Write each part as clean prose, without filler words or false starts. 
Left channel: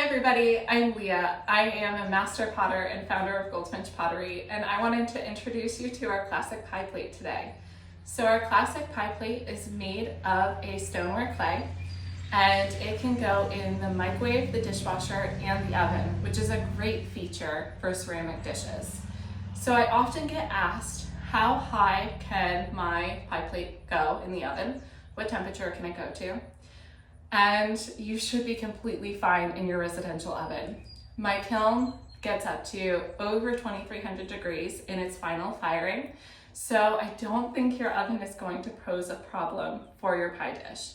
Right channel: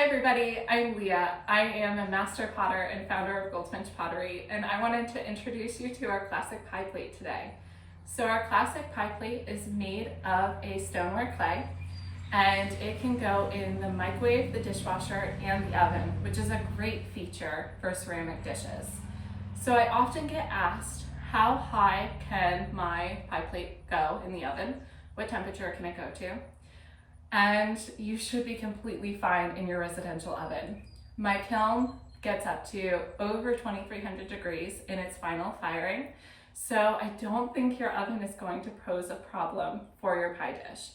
Hi everybody, I'm Leah. I am a master potter and founder of Goldfinch Pottery, and I wanted to introduce you to our classic pie plate today. So our classic pie plate is made of a stoneware clay, and it can go in the microwave, the dishwasher, and the oven, which is a great feature for ceramic dishes. So I often get asked, how high can my pie plate go in the oven? What temperature can it go to? And you should be completely fine in your residential oven. My kiln gets up to over 2300 degrees in its final firing, so I don't think your oven is going to pose a problem for your pie dish.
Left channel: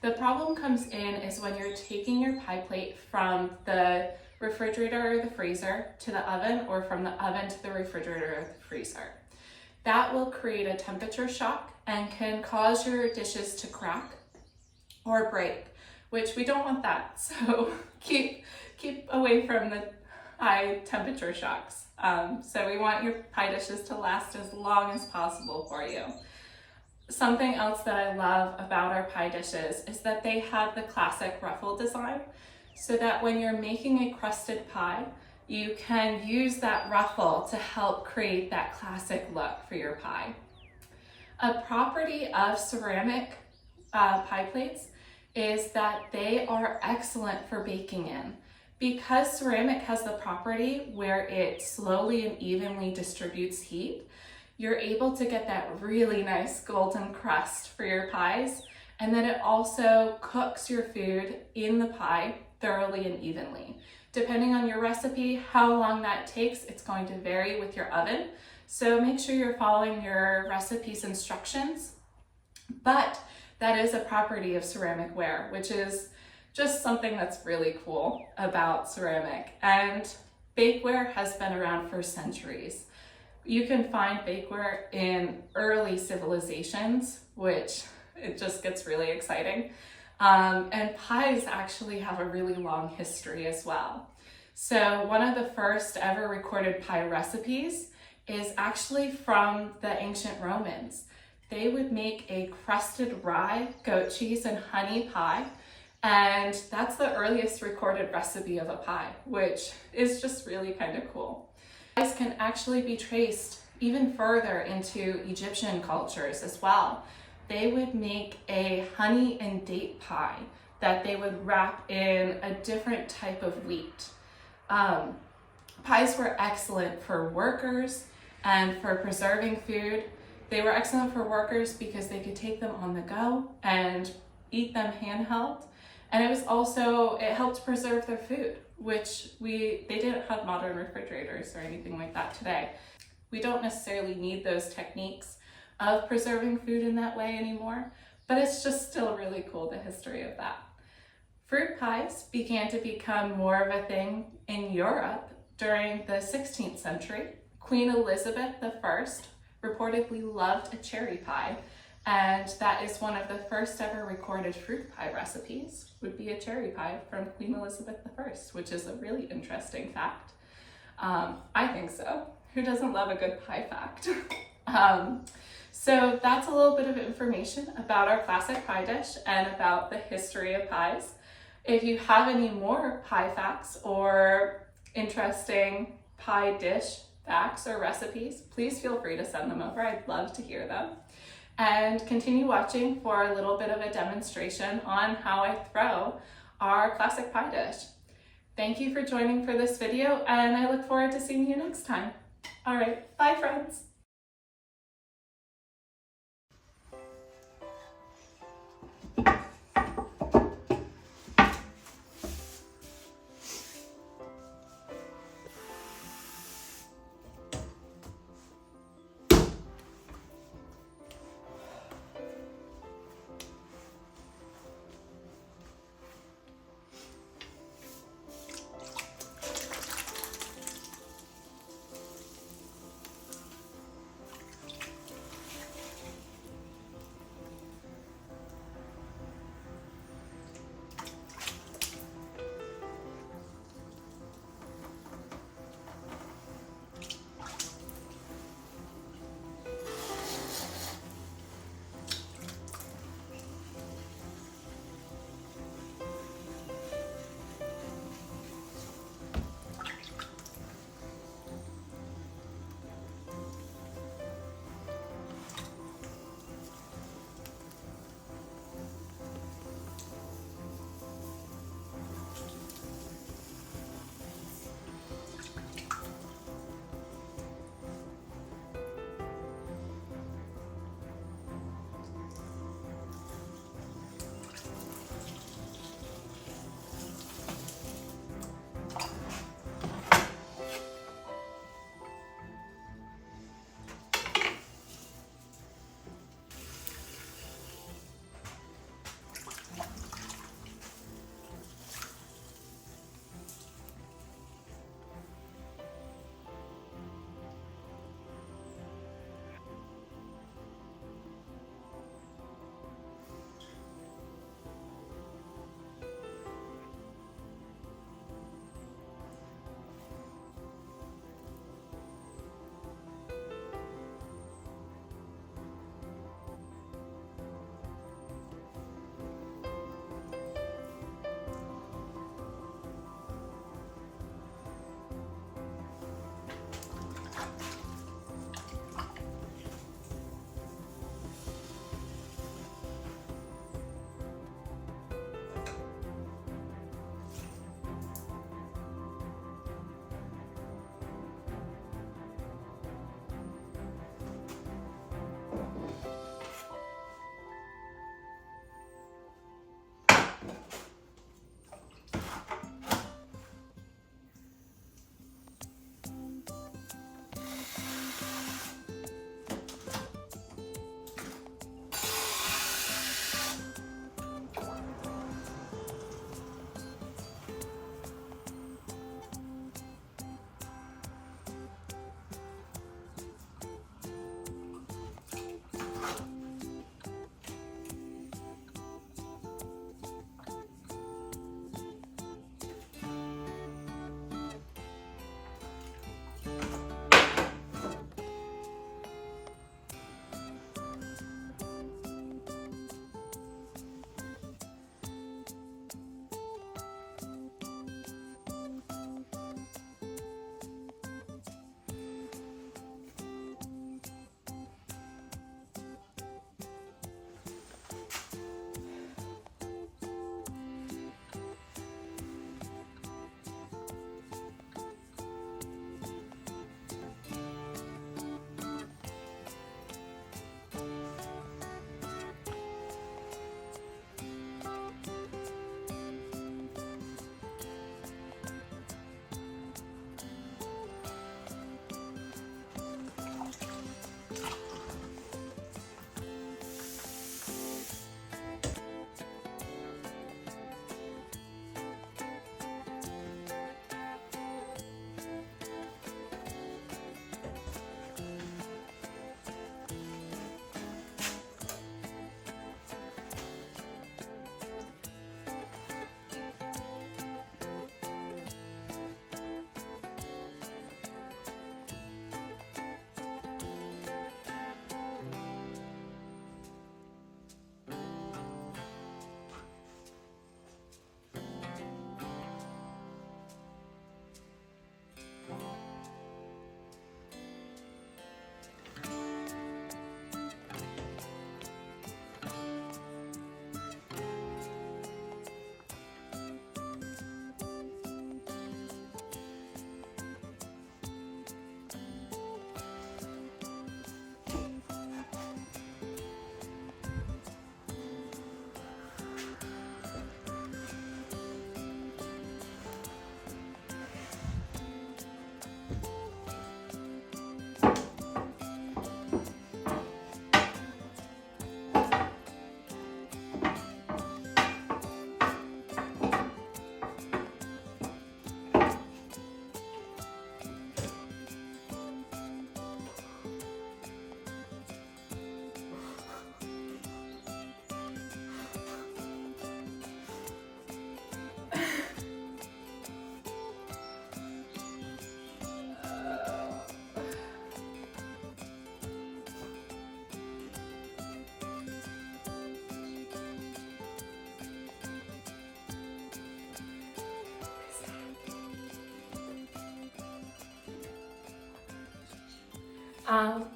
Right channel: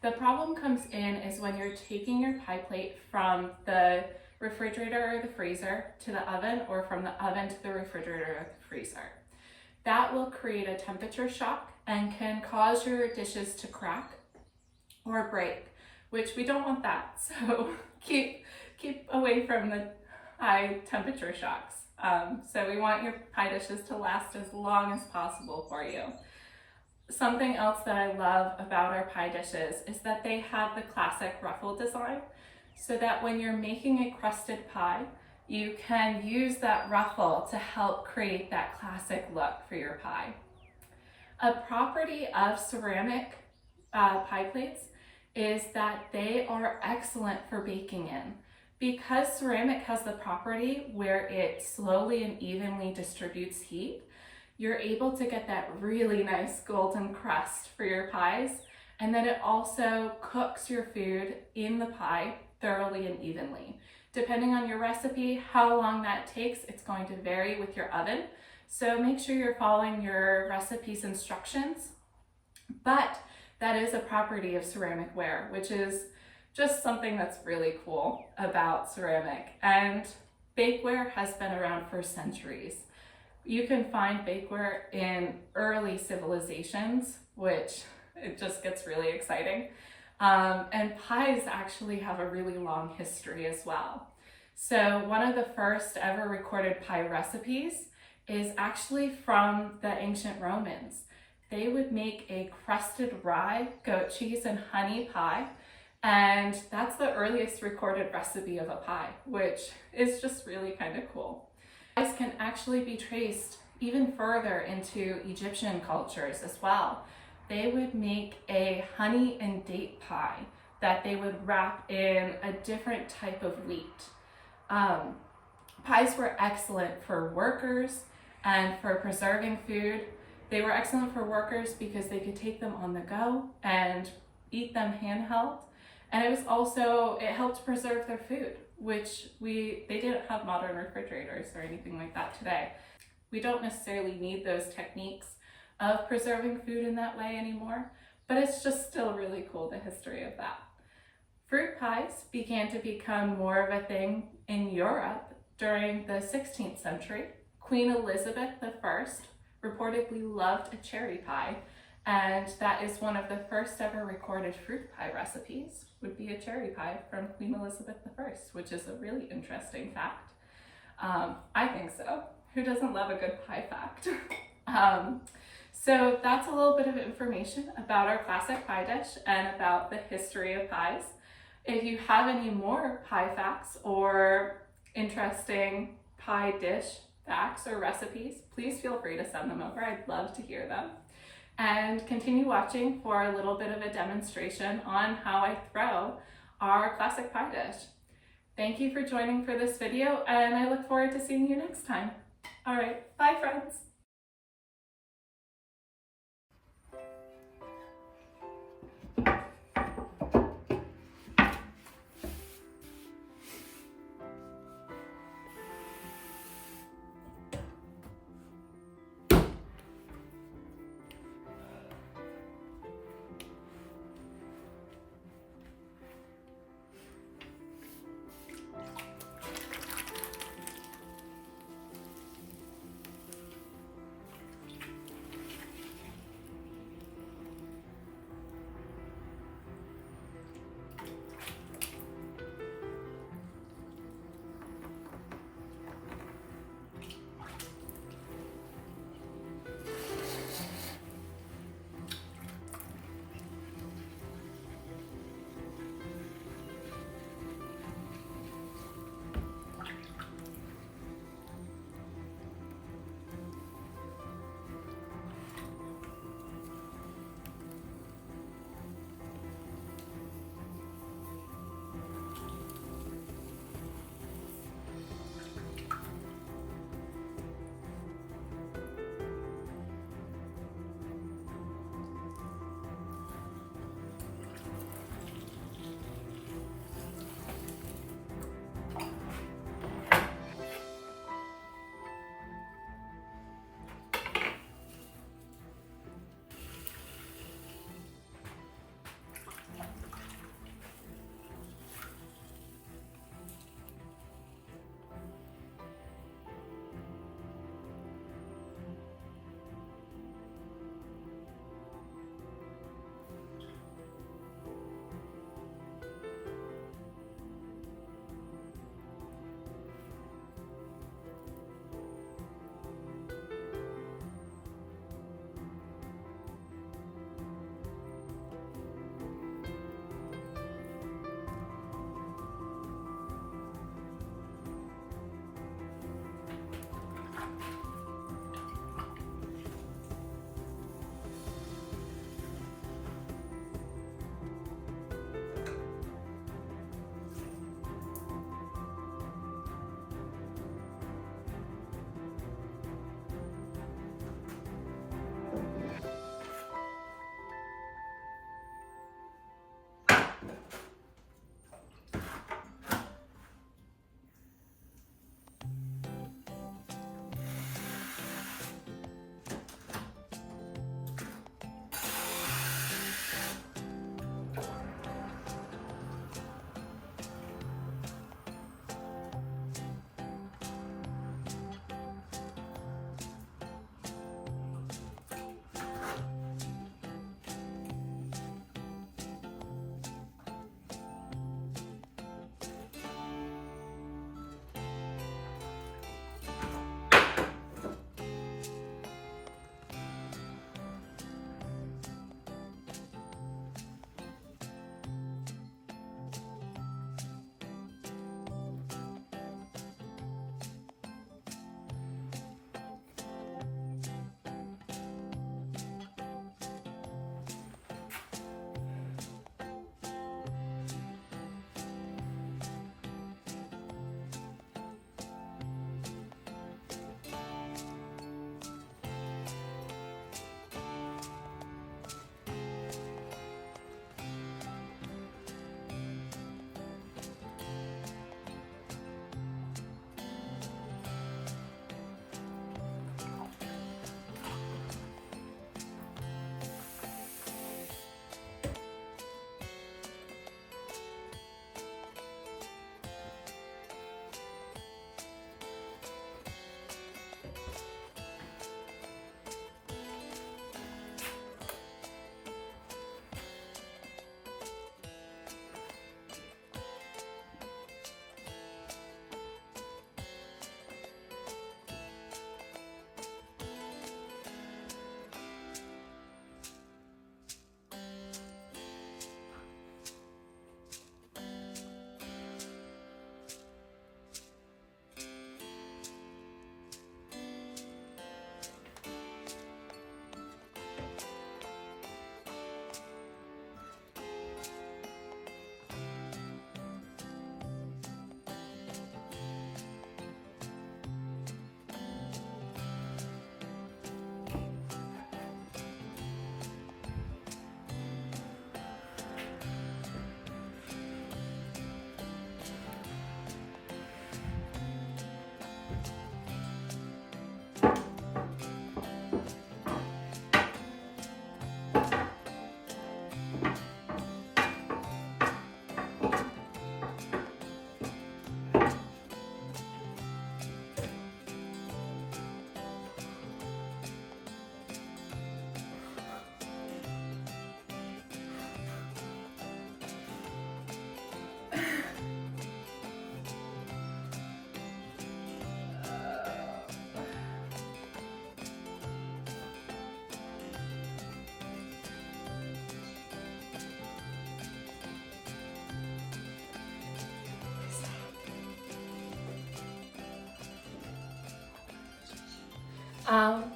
The problem comes in is when you're taking your pie plate from the refrigerator or the freezer to the oven, or from the oven to the refrigerator or the freezer. That will create a temperature shock and can cause your dishes to crack or break, which we don't want that. So keep away from the high temperature shocks. So we want your pie dishes to last as long as possible for you. Something else that I love about our pie dishes is that they have the classic ruffle design, so that when you're making a crusted pie, you can use that ruffle to help create that classic look for your pie. A property of ceramic pie plates is that they are excellent for baking in. Because ceramic has the property where it slowly and evenly distributes heat, you're able to get that really nice golden crust for your pies, and then it also cooks your food in the pie thoroughly and evenly. Depending on your recipe, how long that takes, it's going to vary with your oven. So make sure you're following your recipe's instructions. But that is a property of ceramic ware, which is just something that's really cool about ceramic. And bakeware has been around for centuries. You can find bakeware in early civilizations, which it just gets really exciting. And pies actually have a really long history as well. So one of the first ever recorded pie recipes is actually from the ancient Romans. They would make a crusted rye, goat cheese, and honey pie. And that's the earliest recorded recipe of a pie, which is just really kind of cool. Pies can actually be traced even further into Egyptian cultures as well. They would make a honey and date pie that they would wrap in a different type of wheat. Pies were excellent for workers and for preserving food. They were excellent for workers because they could take them on the go and eat them handheld. And it helped preserve their food, which they didn't have modern refrigerators or anything like that today. We don't necessarily need those techniques of preserving food in that way anymore, but it's just still really cool, the history of that. Fruit pies began to become more of a thing in Europe during the 16th century. Queen Elizabeth I reportedly loved a cherry pie, and that is one of the first ever recorded fruit pie recipes, would be a cherry pie from Queen Elizabeth I, which is a really interesting fact. I think so. Who doesn't love a good pie fact? So that's a little bit of information about our classic pie dish and about the history of pies. If you have any more pie facts or interesting pie dish facts or recipes, please feel free to send them over. I'd love to hear them. And continue watching for a little bit of a demonstration on how I throw our classic pie dish. Thank you for joining for this video, and I look forward to seeing you next time. All right, bye friends.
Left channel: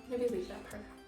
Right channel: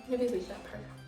Maybe leave that part out.